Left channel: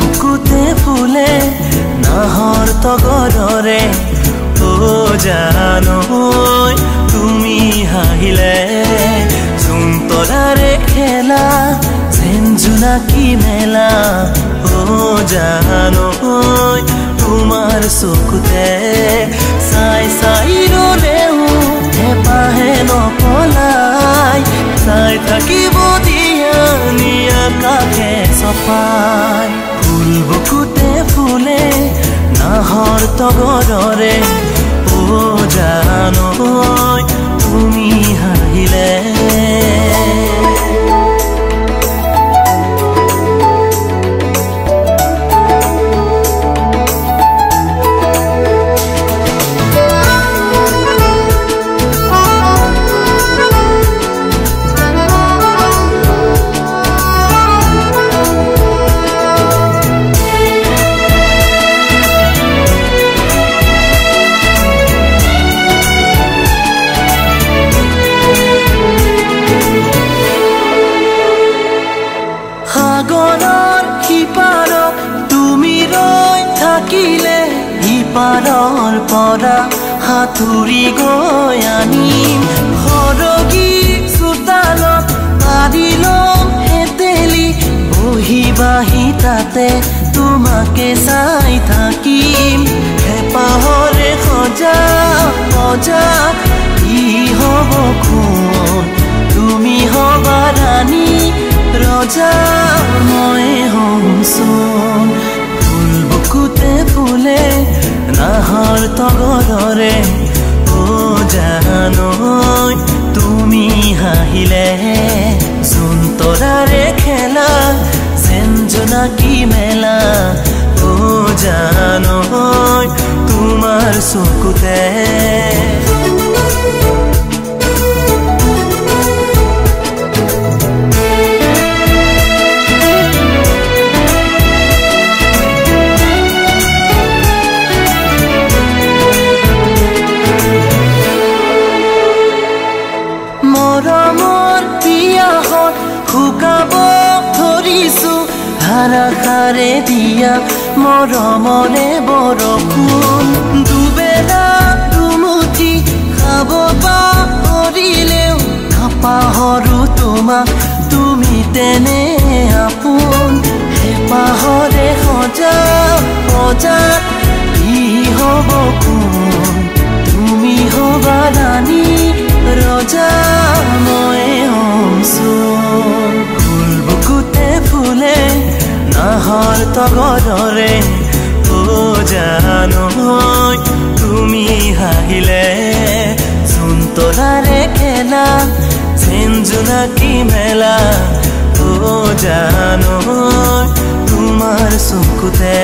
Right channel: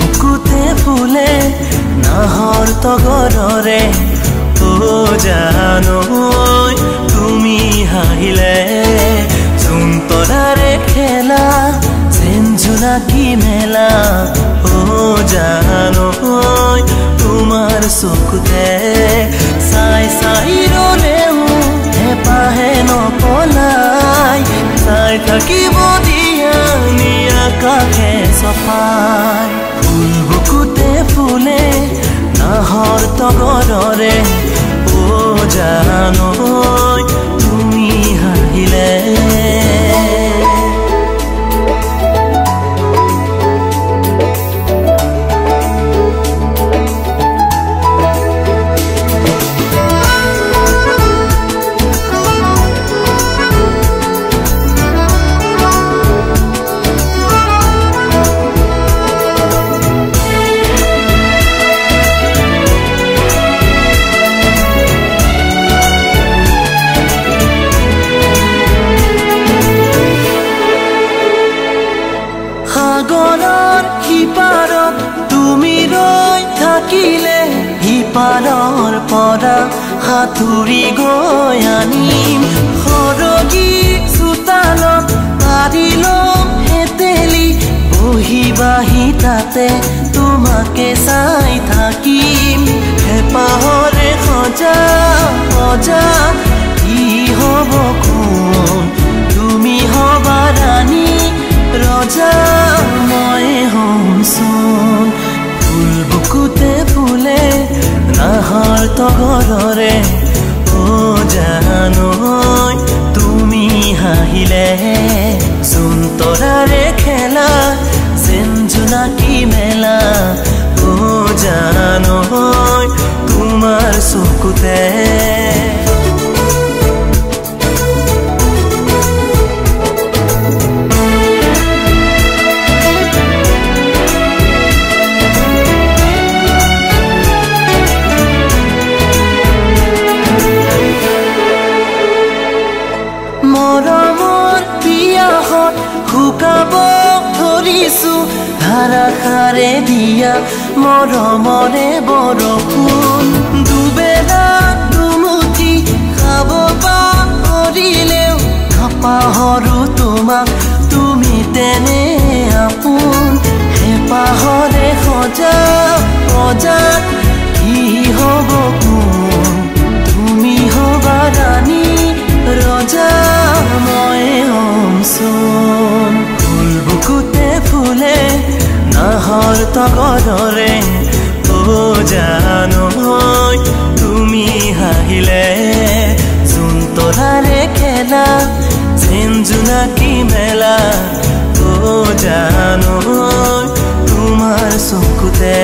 বুকুতে ফুলে নাহৰ তগৰৰে ও জানৈ তুমি হাহিলে চোন তৰাৰে খেলা যেন জোনাকী মেলা ও জানৈ তোমাৰ চকুতে চাই চাই ৰলেও হেপাহে নপলাই চাই থাকিব দিয়া আকাশে চপাই ফুল বুকুতে ফুলে নাহৰ তগৰৰে ও জানৈ তুমি হাহিলে সাগৰৰ সিপাৰত তুমি ৰৈ থাকিলে সিপাৰৰ পৰা সাঁতুৰি গৈ আনিম সৰগী চোতালত পাৰি ল'ম হেতেলি বহি বাহি তাতে তোমাকে চাই থাকিম হেপাহৰে সজা সজা কি হ'ব কোন তুমি হবা ৰাণী ৰজা মই হম চোন ফুল বুকুতে ফুলে নাহৰ তগৰৰে ও জানৈ তুমি হাহিলে চোন তৰাৰে খেলা যেন জোনাকী মেলা ও জানৈ তোমাৰ চকুতে মৰমৰ পিয়াহত শুকাব ধৰিছো ধাৰাসাৰে দিয়া মৰমৰে বৰষুণ দুবেলা দুমুঠি খাব পাহৰিলেও নাপাহৰো তোমাক তুমি তেনে আপোন হেপাহৰে সজা সজাত কি হ'ব কোন তুমি হবা ৰাণী ৰজা মই হম চোন ফুল বুকুতে ফুলে নাহৰ তগৰৰে ও জানৈ তুমি হাহিলে চোন তৰাৰে খেলা যেন জোনাকী মেলা ও জানৈ তোমাৰ চকুতে